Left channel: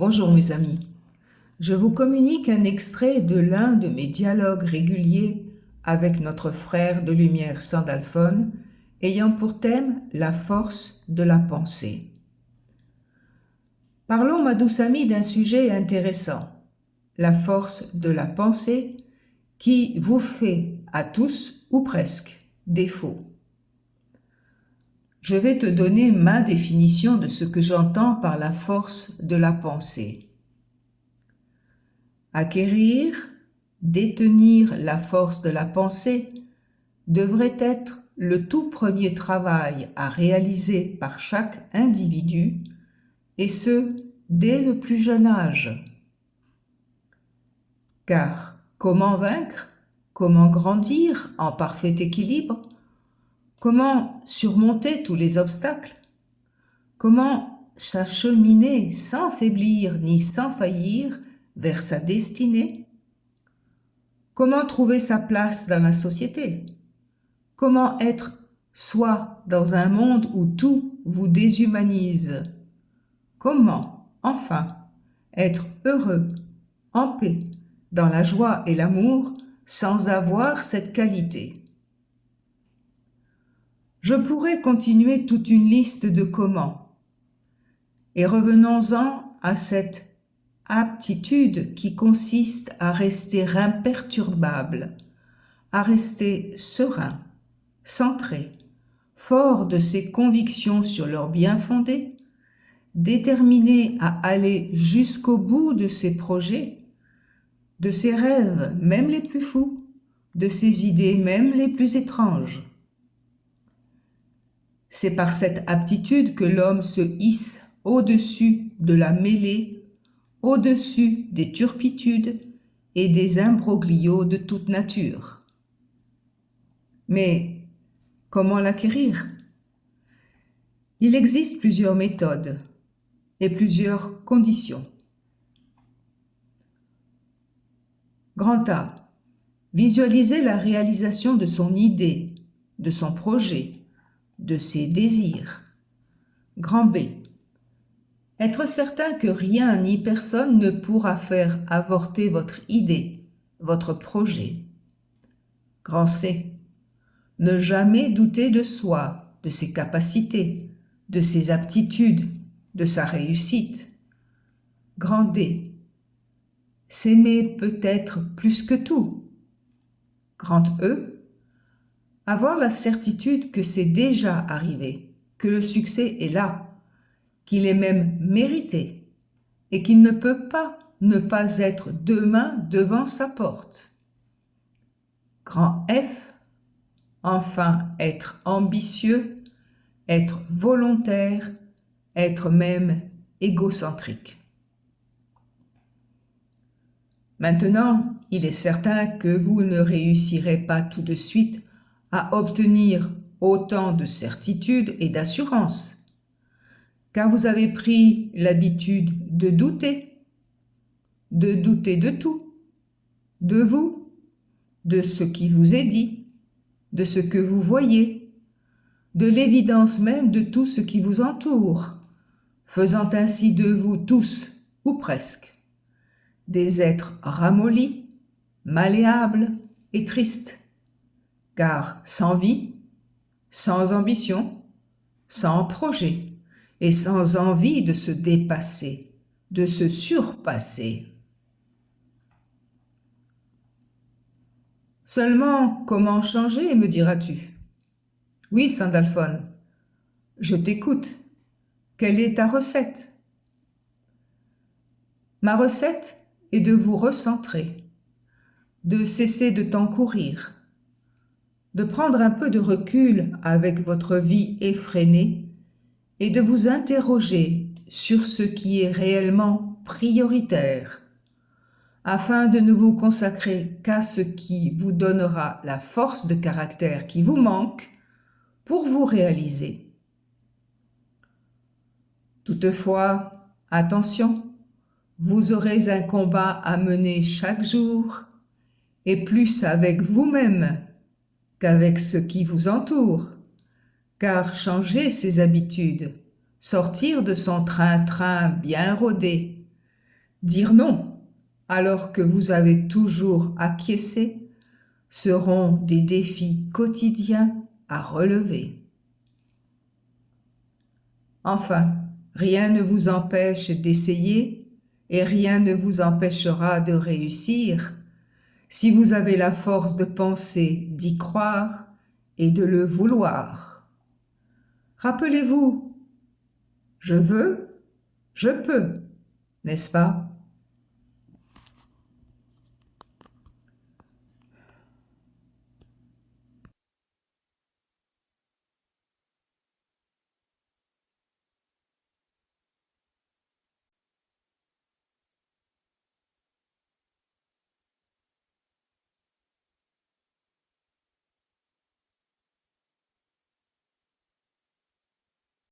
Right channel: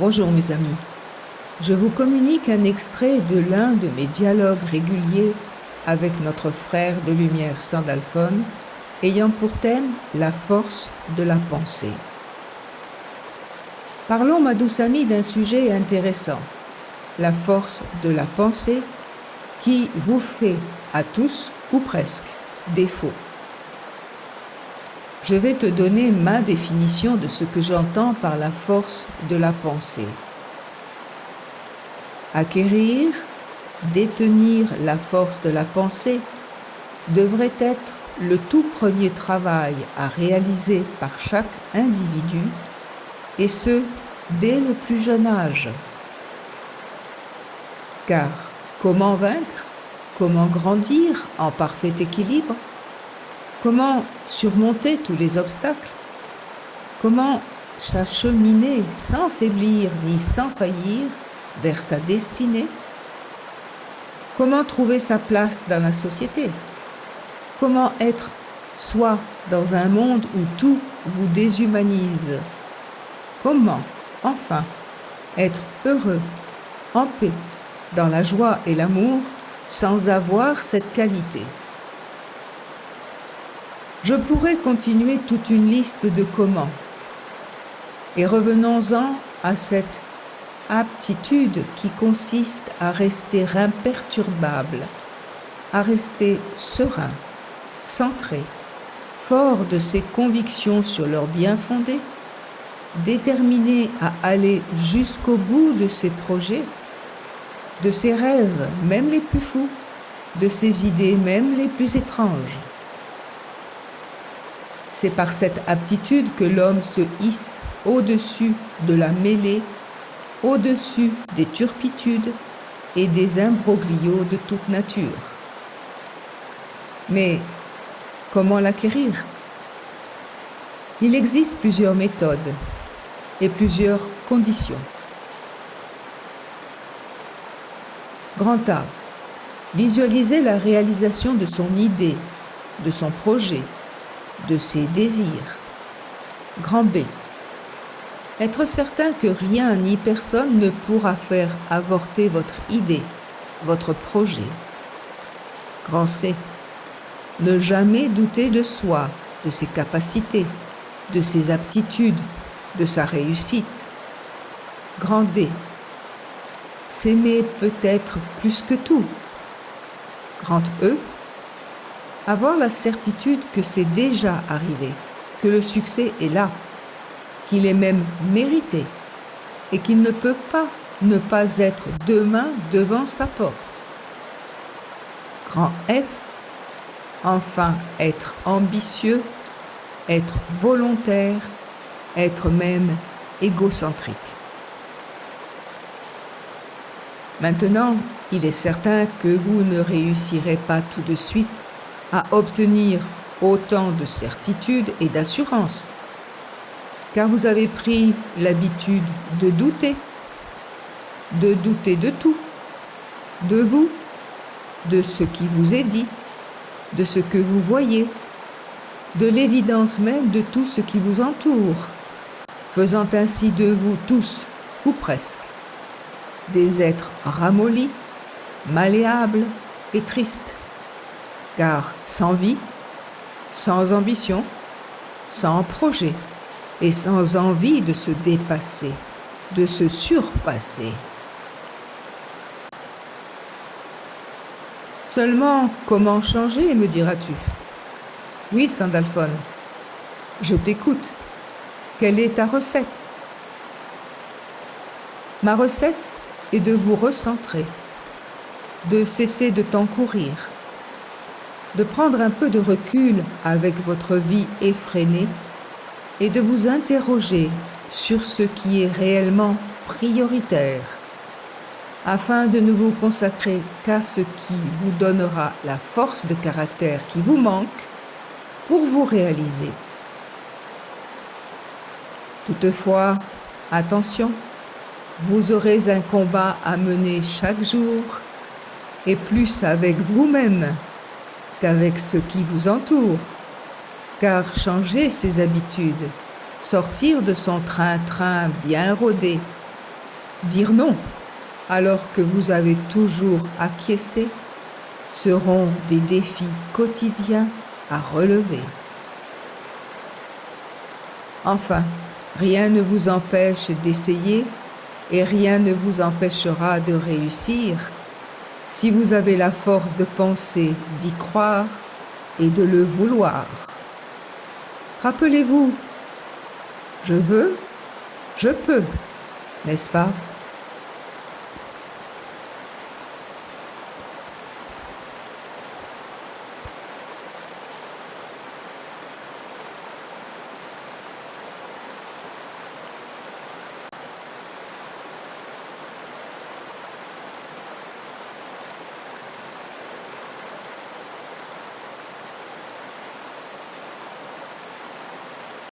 Bonjour mes amis, je vous communique un extrait de l'un de mes dialogues réguliers avec notre frère de lumière Sandalphon, ayant pour thème la force de la pensée. Parlons, ma douce amie, d'un sujet intéressant, la force de la pensée qui vous fait à tous, ou presque, défaut. Je vais te donner ma définition de ce que j'entends par la force de la pensée. Acquérir, détenir la force de la pensée devrait être le tout premier travail à réaliser par chaque individu, et ce, dès le plus jeune âge. Car comment vaincre, comment grandir en parfait équilibre, comment surmonter tous les obstacles, comment s'acheminer sans faiblir ni sans faillir vers sa destinée, comment trouver sa place dans la société, comment être soi dans un monde où tout vous déshumanise, comment, enfin, être heureux, en paix, dans la joie et l'amour, sans avoir cette qualité. Je pourrais continuer toute une liste de comment. Et revenons-en à cette aptitude qui consiste à rester imperturbable, à rester serein, centré, fort de ses convictions sur leur bien fondé, déterminé à aller jusqu'au bout de ses projets, de ses rêves, même les plus fous, de ses idées, même les plus étranges. C'est par cette aptitude que l'homme se hisse au-dessus de la mêlée, au-dessus des turpitudes et des imbroglios de toute nature. Mais comment l'acquérir? Il existe plusieurs méthodes et plusieurs conditions. Grand A. Visualiser la réalisation de son idée, de son projet, de ses désirs. Grand B. Être certain que rien ni personne ne pourra faire avorter votre idée, votre projet. Grand C. Ne jamais douter de soi, de ses capacités, de ses aptitudes, de sa réussite. Grand D. S'aimer peut-être plus que tout. Grand E. Avoir la certitude que c'est déjà arrivé, que le succès est là, qu'il est même mérité et qu'il ne peut pas ne pas être demain devant sa porte. Grand F. Enfin, être ambitieux, être volontaire, être même égocentrique. Maintenant, il est certain que vous ne réussirez pas tout de suite à obtenir autant de certitude et d'assurance, car vous avez pris l'habitude de douter de tout, de vous, de ce qui vous est dit, de ce que vous voyez, de l'évidence même de tout ce qui vous entoure, faisant ainsi de vous tous, ou presque, des êtres ramollis, malléables et tristes, car sans vie, sans ambition, sans projet et sans envie de se dépasser, de se surpasser. Seulement, comment changer, me diras-tu? Oui, Sandalphon, je t'écoute. Quelle est ta recette? Ma recette est de vous recentrer, de cesser de t'encourir, de prendre un peu de recul avec votre vie effrénée et de vous interroger sur ce qui est réellement prioritaire, afin de ne vous consacrer qu'à ce qui vous donnera la force de caractère qui vous manque pour vous réaliser. Toutefois, attention, vous aurez un combat à mener chaque jour, et plus avec vous-même qu'avec ceux qui vous entourent, car changer ses habitudes, sortir de son train-train bien rodé, Dire non, alors que vous avez toujours acquiescé, seront des défis quotidiens à relever. Enfin, rien ne vous empêche d'essayer et rien ne vous empêchera de réussir si vous avez la force de penser, d'y croire et de le vouloir. Rappelez-vous, je veux, je peux, n'est-ce pas ?